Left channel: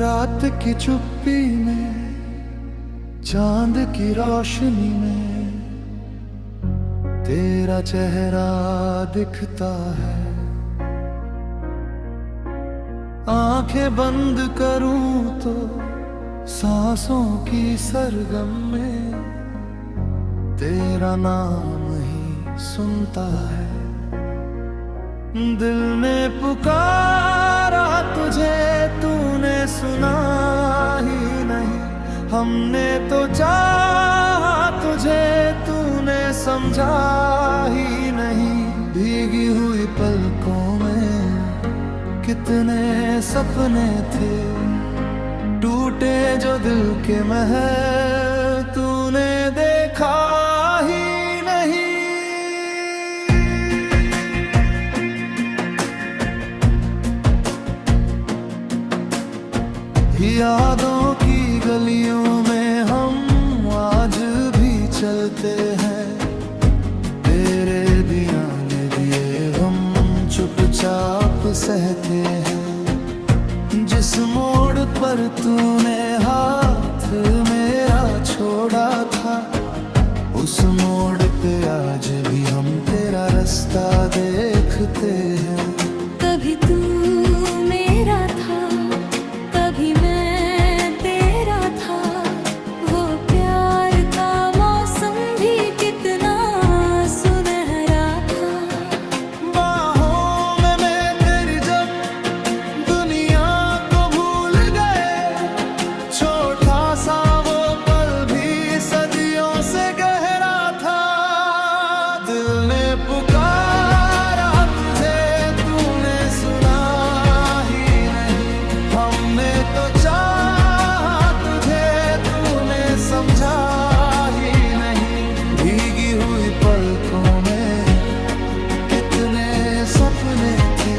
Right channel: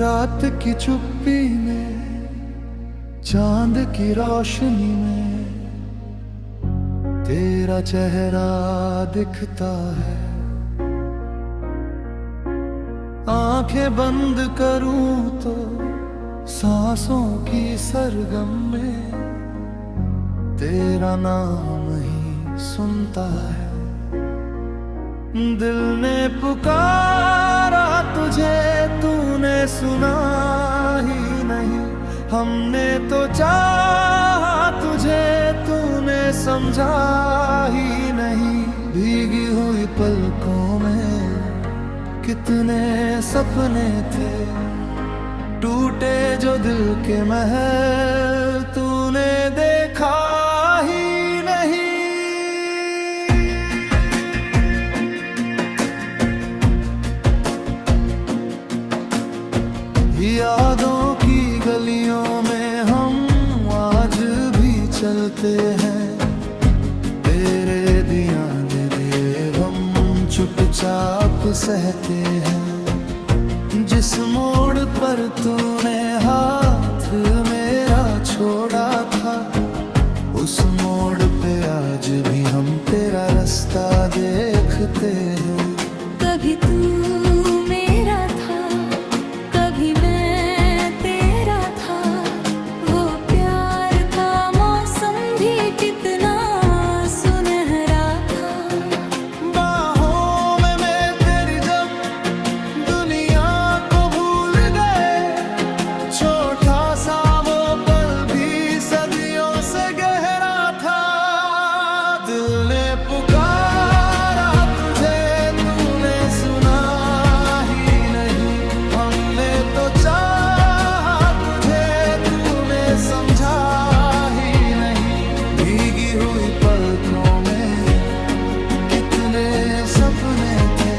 रात की चुप्पी में, चांद की रोशनी में तेरा चेहरा दिखता है। आंखें बंद करूं तो सांसों की सरगम में तेरा नाम ही सुनता है। दिल ने पुकारा तुझे, तूने सुना ही नहीं। हमने तो चाहा तुझे, तूने समझा ही नहीं। भीगी हुई पलकों में कितने सपने थे, टूटे जो दिल के महल तूने देखा ही नहीं। यादों की गलियों में हम आज भी चलते हैं, तेरे दिया दिए हम चुपचाप सहते हैं। जिस मोड़ पर तूने हाथ मेरा छोड़ा था, उस मोड़ पे आज भी हम तेरा रास्ता देखते हैं। कभी तू मेरा था, कभी मैं तेरा था। वो प्यार का मौसम भी कितना सुनहरा था। बाहों में मैं तेरी जब दुनिया को भूल गए, छोटा सा वो पल भी सदियों से गहरा था। दिल ने पुकारा तुझे, तूने सुना ही नहीं। हमने तो चाहा तुझे, तूने समझा ही नहीं। भीगी हुई पलकों में कितने सपने थे,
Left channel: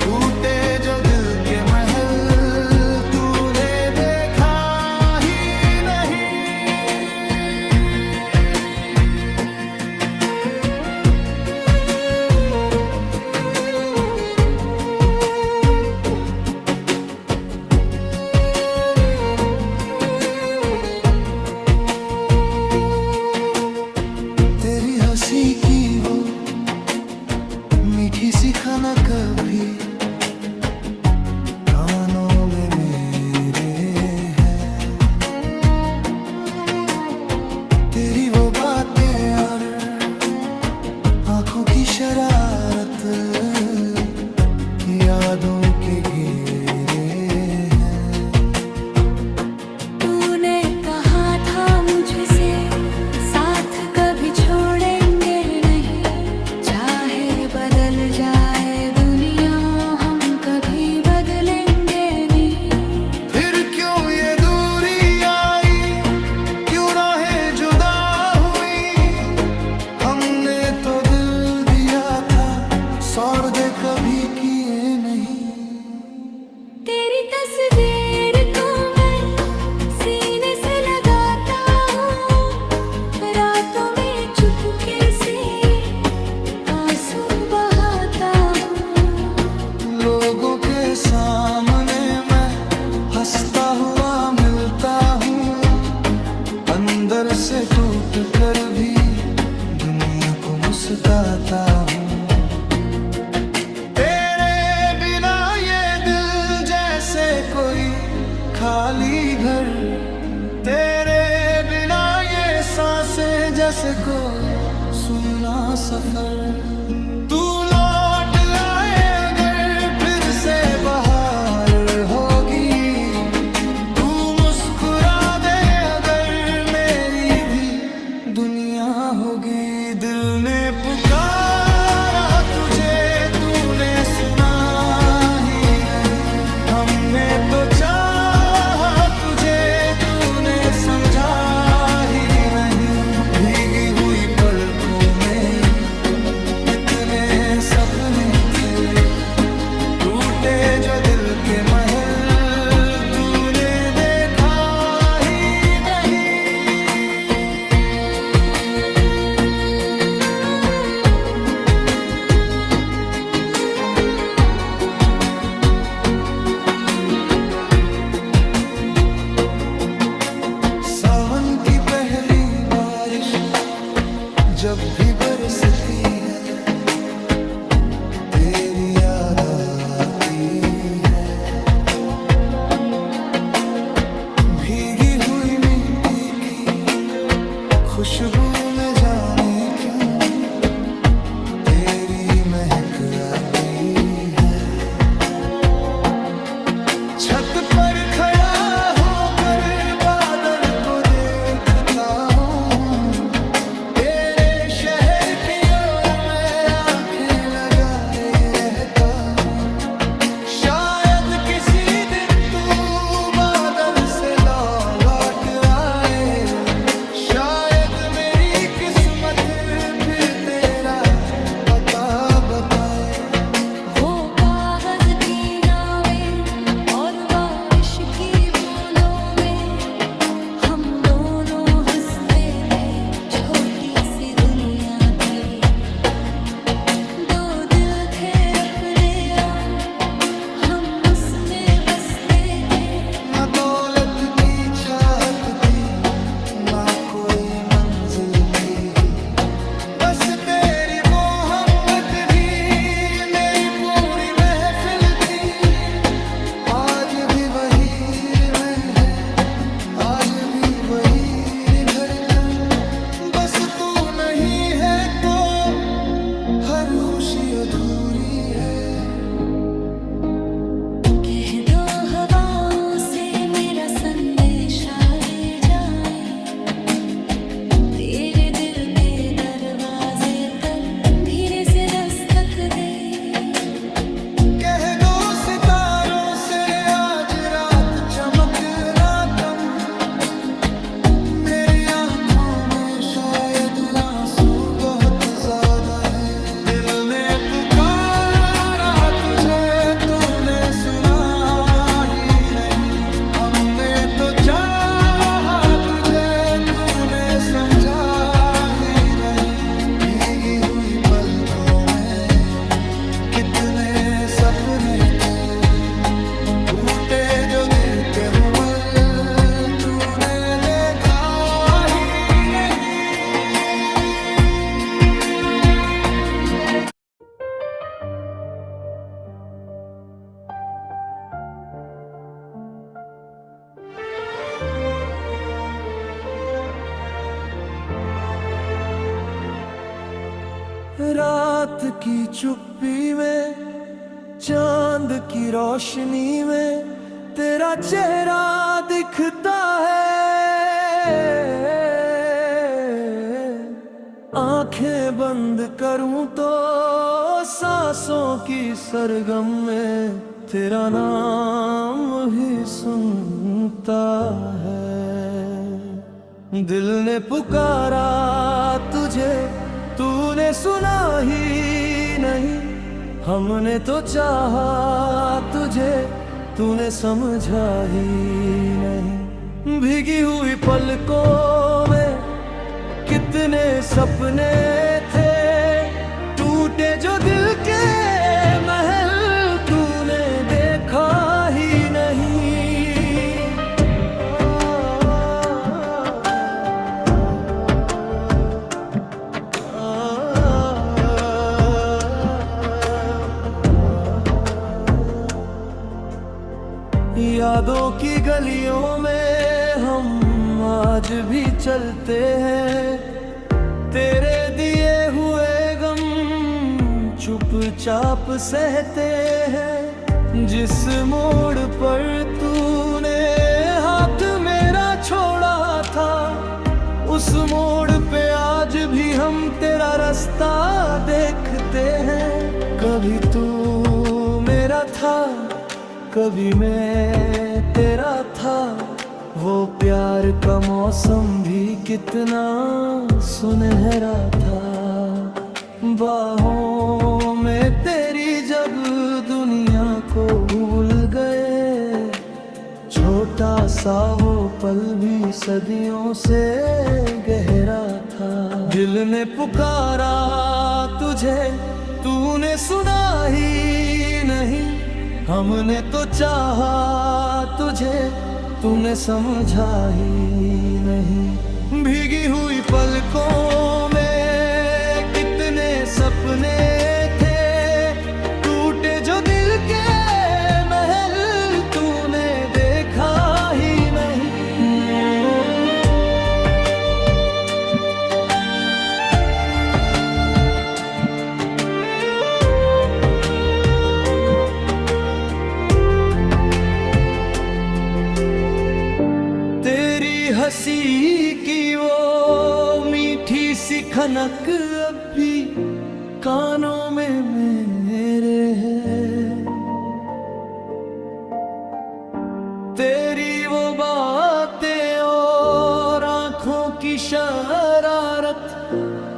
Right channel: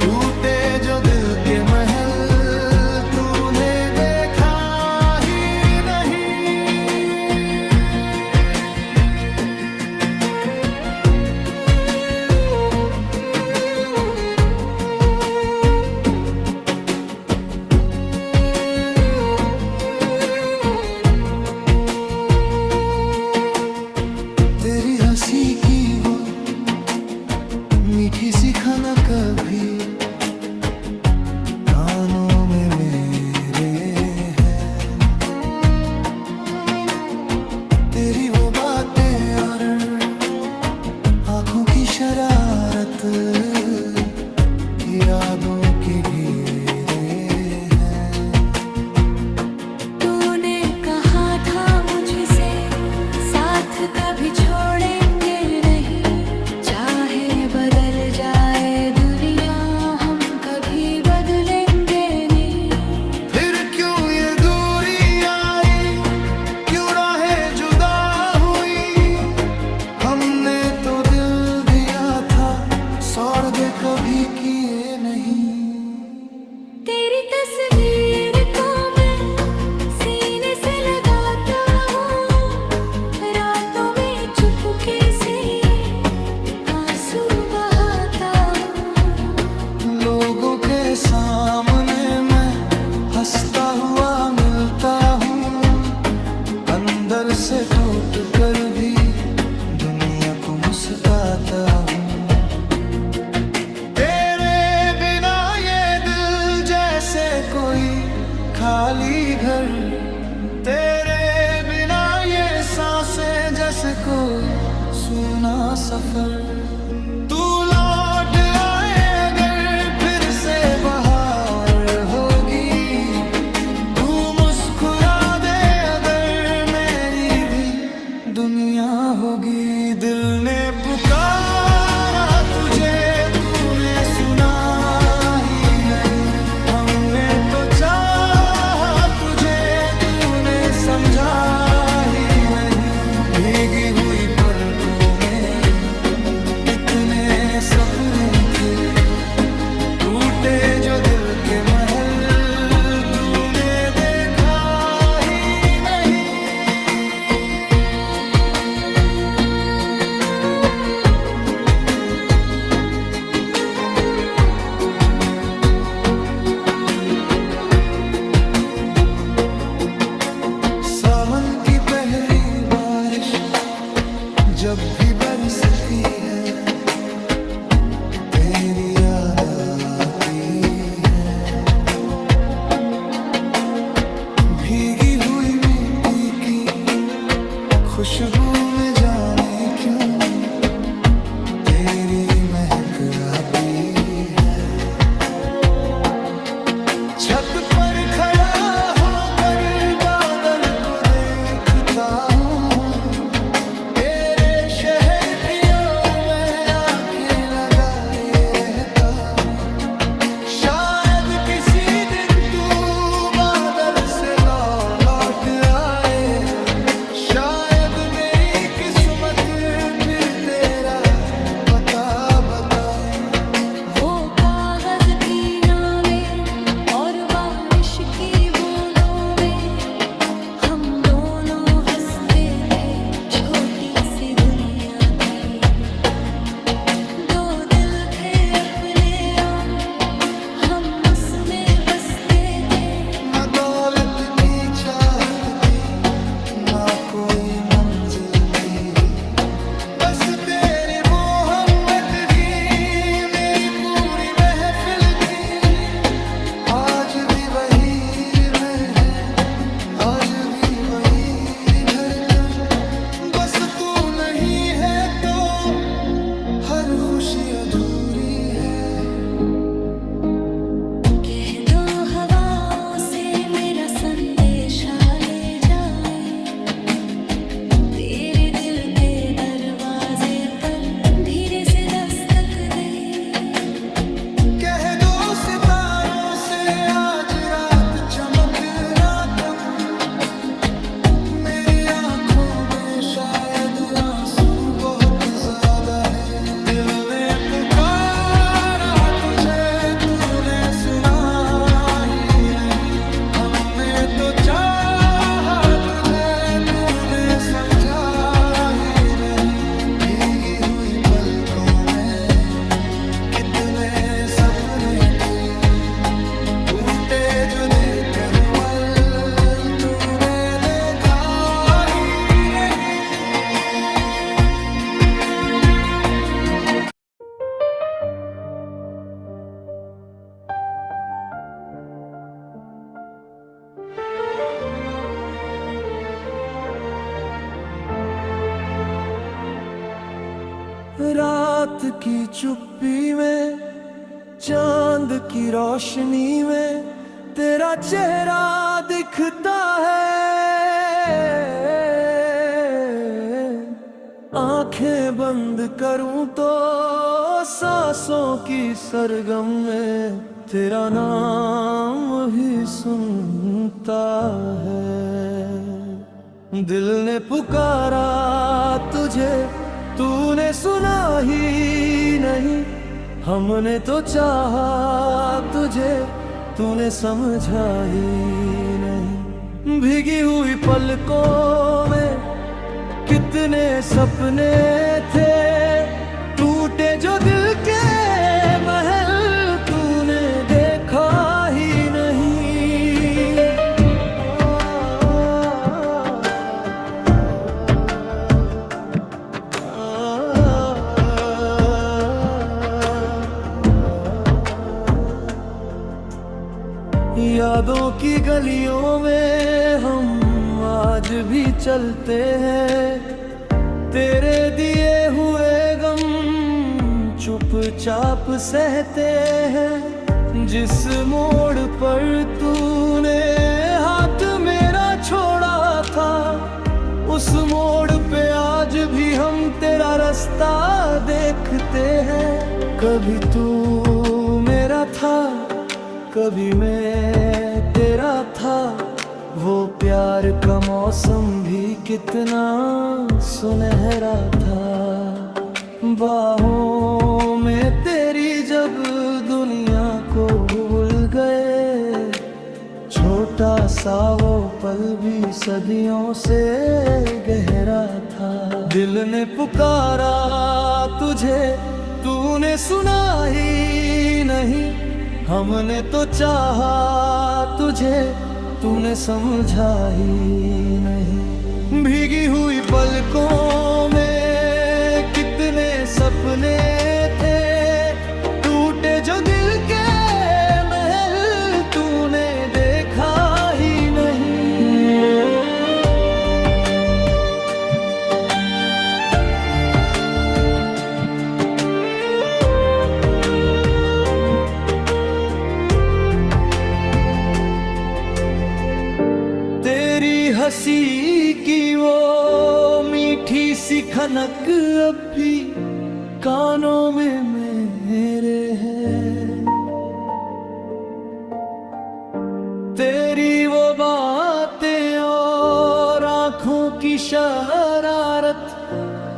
टूटे जो दिल के महल तूने देखा ही नहीं। तेरी हंसी की वो मीठी सी खनक कभी कानों में मेरे है। तेरी वो बातें और आंखों की शरारत यादों के घेरे हैं। तूने कहा था मुझसे साथ कभी छोड़ेंगे नहीं। चाहे बदल जाए दुनिया, हम कभी बदलेंगे नहीं। फिर क्यों ये दूरी आई, क्यों राहें जुदा हुई। हमने तो दिल दिया था, सौदे कभी किए नहीं। तेरी तस्वीर को मैं सीने से लगाता हूँ, रातों में चुपके से आंसू बहाता हूँ। लोगों के सामने मैं हंसता हुआ मिलता हूँ, अंदर से टूट कर भी दुनिया को मुस्काता हूँ। तेरे बिना ये दिल जैसे कोई खाली घर, तेरे बिना ये सांसें जैसे कोई सूना सफर। तू लौट आए अगर फिर से बहार होगी, तू मुस्कुरा दे अगर मेरी भी दुनिया होगी। दिल ने पुकारा तुझे, तूने सुना ही नहीं। हमने तो चाहा तुझे, तूने समझा ही नहीं। भीगी हुई पलकों में कितने सपने थे, टूटे जो दिल के महल तूने देखा ही नहीं। जब भी बरसती है तेरी याद आती है। भीगी हुई मिट्टी की खुशबू में जाने क्यों तेरी महक आती है। छत पर खड़ा होकर बादल को देखता हूँ, तेरे शहर की ओर मैं आंखें लगाए रहता हूँ। शायद किसी दिन तू बादल से लौट आए, शायद मेरी किस्मत फिर तेरा पता बताए। वो कागज की नावें और बारिश की बूंदों में हम दोनों हंसते थे, छोटी सी दुनिया थी। दो दिल थे अपने और हम उसमें बसते थे। न दौलत की चाहत थी ना कोई मंजिल थी, बस तेरी वो हमत भी मेरी पूरी महफिल थी। आज भी वही में है, आज भी वही धड़कन, बस तू नहीं है तो हर खुशी अधूरी है। कह दो हवाओं से मेरा संदेशा ले जाए, तेरे दिल के दरवाजे पर धीरे से दस्तक दे। कह दो सितारों से आज रात चमकना कम, मेरी आंखों में शायद आंसू बहुत ज्यादा है। दिल ने पुकारा तुझे तूने सुना ही नहीं, हमने तो चाहा तुझे तूने समझा ही नहीं। भीगी हुई पलकों में कितने सपने थे, टूटे जो दिल के हुमल तूने देखा ही नहीं। रात की चुप्पी में चांद की रोशनी में तेरा चेहरा दिखता है। आंखें बंद करूं तो सांसों की सरगम में तेरा नाम ही सुनता है। दिल ने पुकारा तुझे तूने सुना ही नहीं, हमने तो चाहा तुझे तूने समझा ही नहीं। भीगी हुई पलकों में कितने सपने थे, टूटे जो दिल के महल तूने देखा ही नहीं। यादों की गलियों में हम आज भी चलते हैं, तेरे दिए हुए गम चुपचाप सहते हैं। जिस मोड़ पर तूने हाथ मेरा छोड़ा था, उस मोड़ पे आज भी हम तेरा रास्ता देखते हैं। कभी तू मेरा था, कभी मैं तेरा था, वो प्यार का मौसम भी कितना सुनहरा था। बाहों में तेरी जब दुनिया को भूल गए, छोटा सा वो पल भी सदियों से गहरा था। दिल ने पुकारा तुझे तूने सुना ही नहीं, हमने तो चाहा तुझे तूने समझा ही नहीं। भीगी हुई पलकों में सपने थे, टूटे जो दिल के महल तूने देखा ही नहीं। तेरी हंसी की वो मीठी सी खनक अब भी कानों में मेरे है। तेरी वो बातें और आंखों की शरारत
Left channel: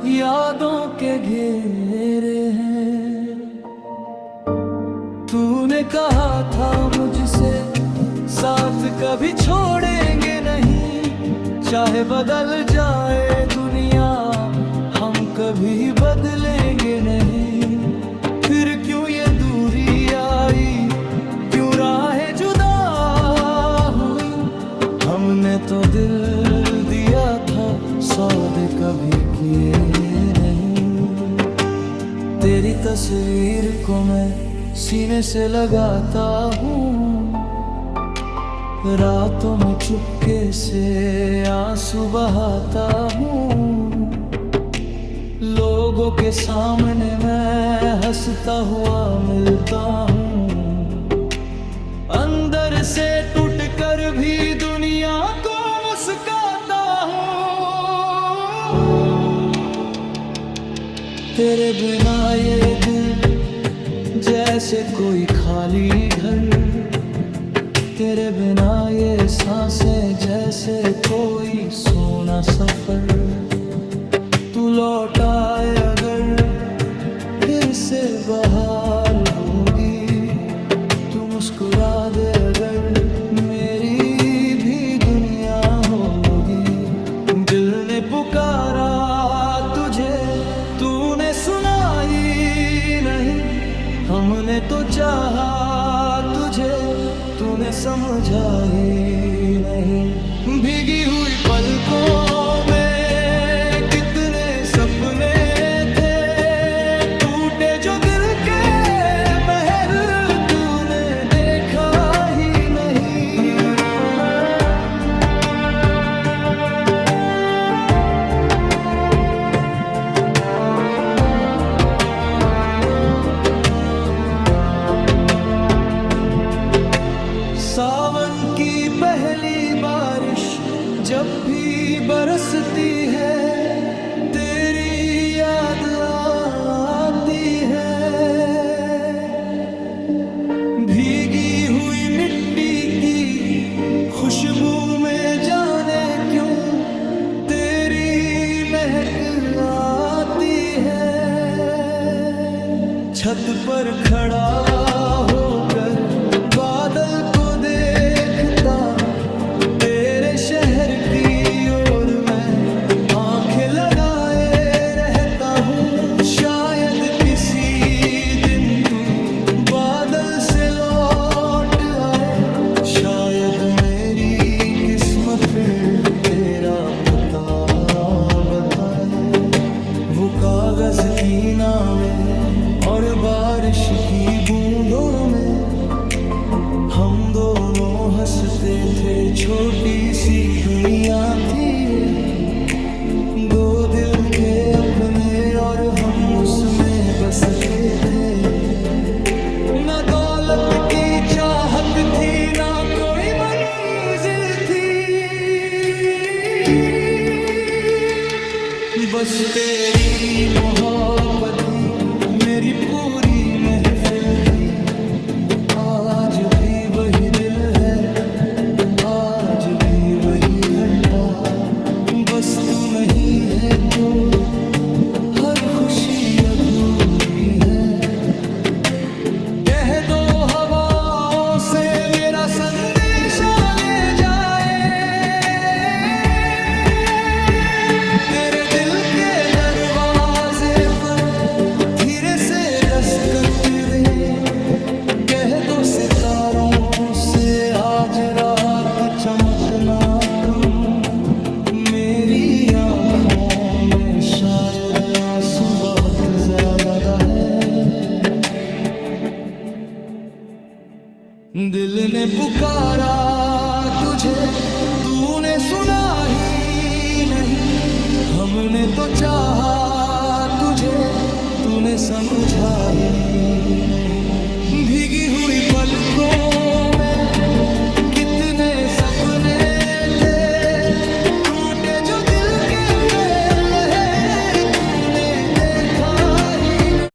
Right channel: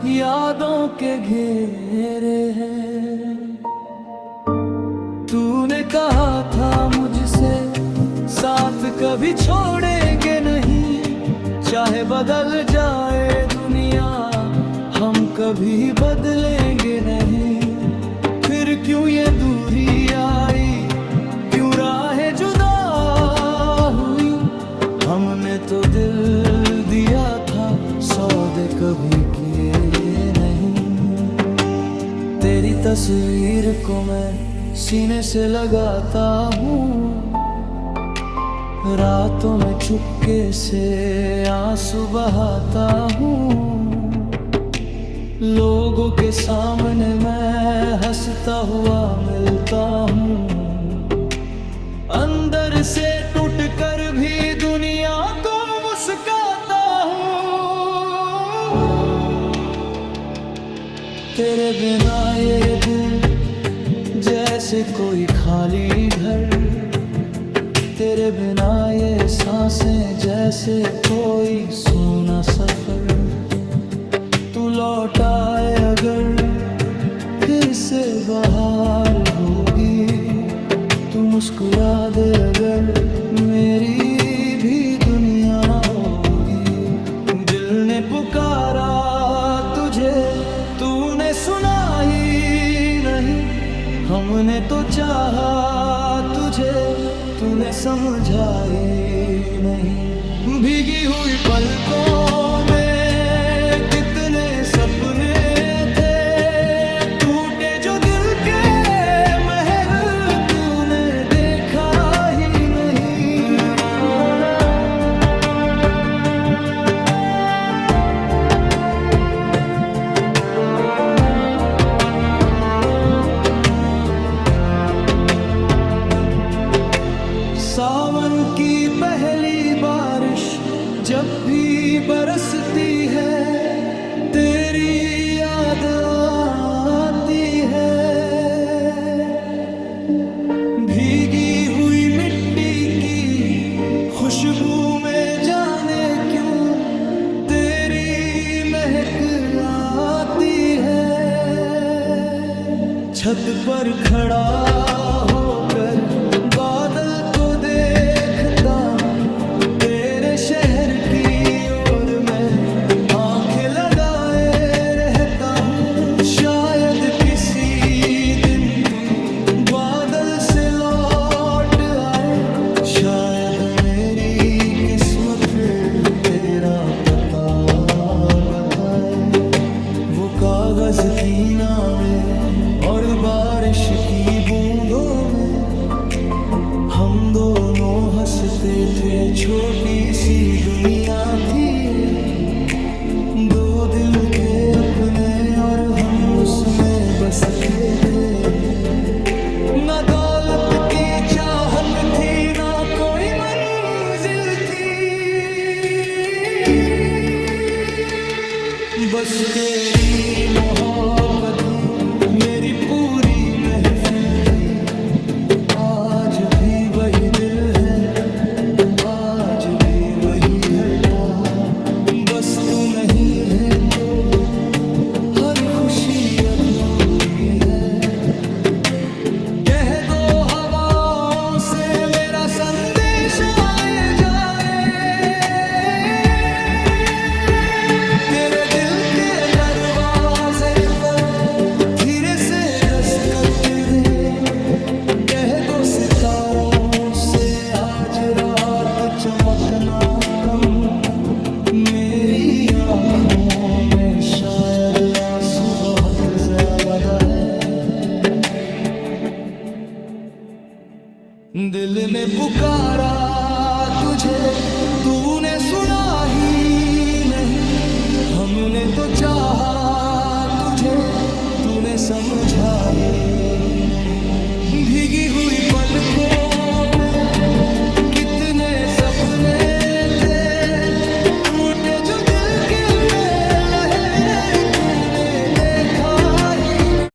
यादों के घेरे हैं। तूने कहा था मुझसे साथ कभी छोड़ेंगे नहीं, चाहे बदल जाए दुनिया हम कभी बदलेंगे नहीं। फिर क्यों ये दूरी आई, क्यों राहें जुदा हुई, हमने तो दिल दिया था सौदे कभी किए नहीं। तेरी तस्वीर को मैं सीने से लगाता हूँ, रातों में चुपके से आंसू बहाता हूँ। लोगों के सामने मैं हंसता हुआ मिलता हूँ, अंदर से टूट कर भी दुनिया को मुस्काता हूँ। तेरे बिना ये दिल जैसे कोई खाली घर, तेरे बिना ये सांसें जैसे कोई सोना सफर। तू लौट आए अगर फिर से बहार होगी, तू मुस्कुरा दे अगर मेरी भी दुनिया होगी। दिल ने पुकारा तुझे तूने सुना ही नहीं, हमने तो चाहा तुझे तूने समझा ही नहीं। भीगी हुई पलकों में कितने सपने थे, टूटे जो दिल के महल तूने देखा ही नहीं। सावन की पहली बारिश जब भी बरसती है, तेरी याद आती है। भीगी हुई मिट्टी की खुशबू में जाने क्यों तेरी महक आती है। छत पर खड़ा होकर बादल को देखता हूँ, तेरे शहर की ओर मैं आंखें लगाए रहता हूँ। शायद किसी दिन तू बादल से लौट आए, शायद मेरी किस्मत फिर तेरा पता बताए। वो कागज की नावें और बारिश की बूंदों में हम दोनों हंसते थे, छोटी सी दुनिया थी। दो दिल के अपने और हम उसमें बसते थे। न दौलत की चाहत थी, ना कोई मंजिल थी, बस तेरी मोहब्बत ही मेरी पूरी महफिल थी। आज भी वही दिल है, आज भी वही धड़का, बस तू नहीं है तो हर खुशी अधूरी है। कह दो हवाओं से मेरा संदेशा ले जाए, तेरे दिल के दरवाजे पर धीरे से दस्तक दे। कह दो सितारों से आज रात चमकना कम, मेरी आँखों में में शायद आंसू बहुत ज्यादा है। दिल ने पुकारा तुझे, तूने सुना ही नहीं। हमने तो चाहा तुझे, तूने समझा ही नहीं। भीगी हुई पलकों में कितने सपने थे, टूटे जो दिल के मेरे।